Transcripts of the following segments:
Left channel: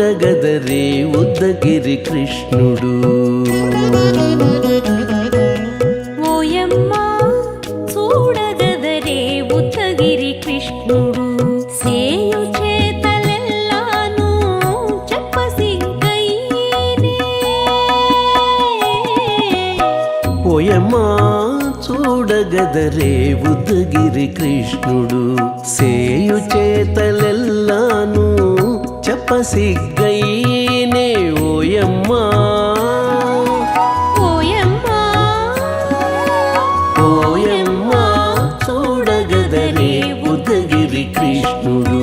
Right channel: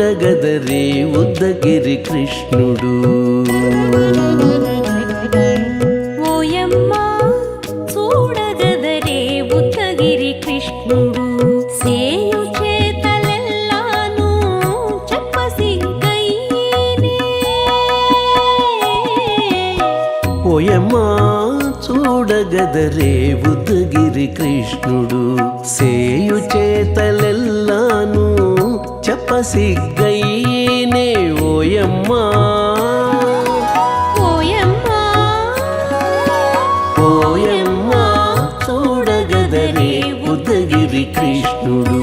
చూడగదరే ఉద్దగిరి పోయమ్మా చూడగదరే ఉద్దగిరి కృష్ణుడు. సేయు చేతలెల్లాను చెప్పసిగ్గయ్యేనే ఓయమ్మా. ఓయమ్మా పోయమ్మా చూడగదరే ఉద్దగిరి కృష్ణుడు.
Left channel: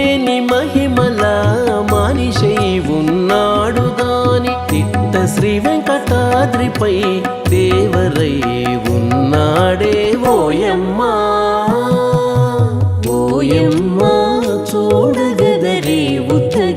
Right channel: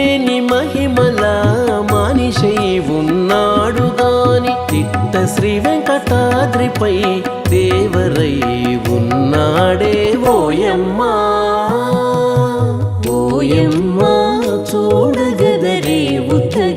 లేని మహిమల మహిమల మానిషై ఉన్నాడు గాని తిట్ట శ్రీ వెంకటాద్రిపై దేవరై ఉన్నాడే ఓయమ్మా. ఓయమ్మా చూడగదరే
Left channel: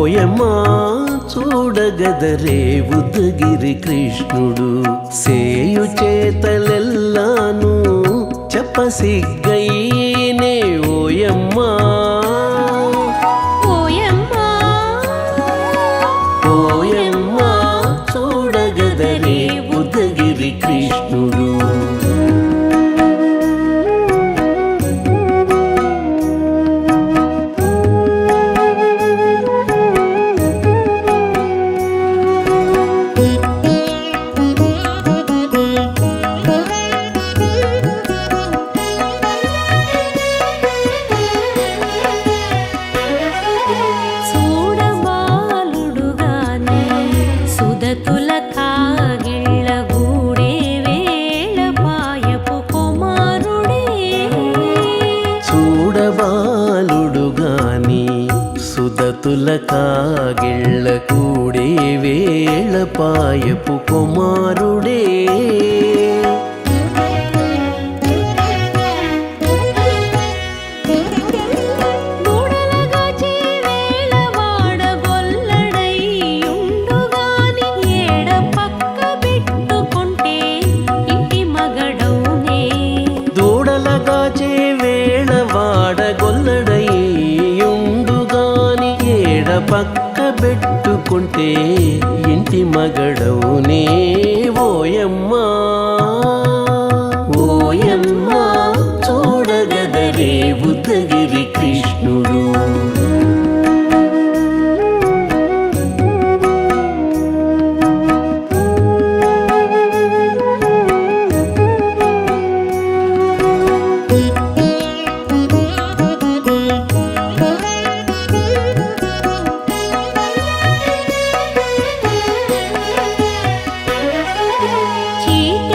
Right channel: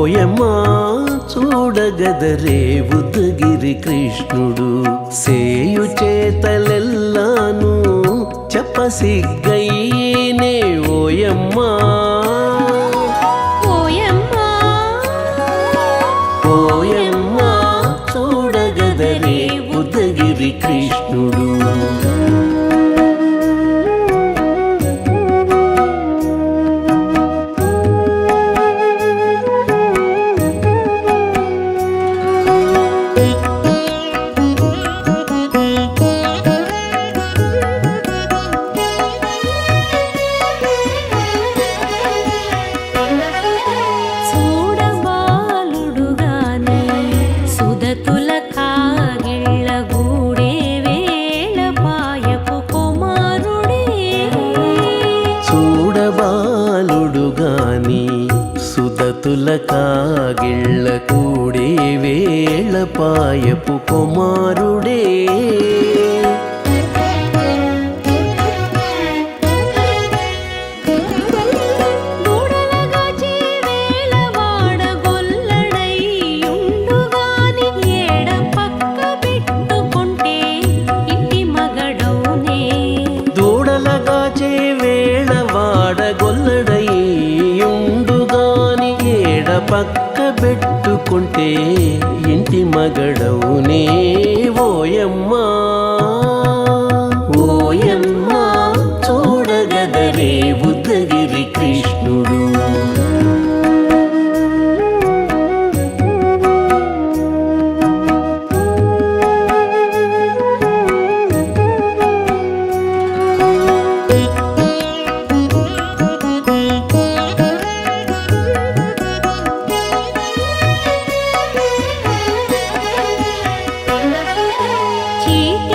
ఓయమ్మా చూడగదరే ఉద్దగిరి కృష్ణుడు. సేయు చేతలెల్లాను చెప్పసిగ్గైనే ఓయమ్మా. ఓయమ్మా ఓయమ్మా చూడగదరే ఉద్దగిరి కృష్ణుడు. గాని సుదతుల కాగిళ్ళ కూడే వేళ పాయపు కుమారుడే. దూడలగా వేళ వాడగొల్లడై ఏడ పక్క పెట్టుకుంటే ఇంటి మగడవునే ఓయమ్మా. ఓయమ్మా చూడగదరే బుద్ధగిరి కృష్ణుడు.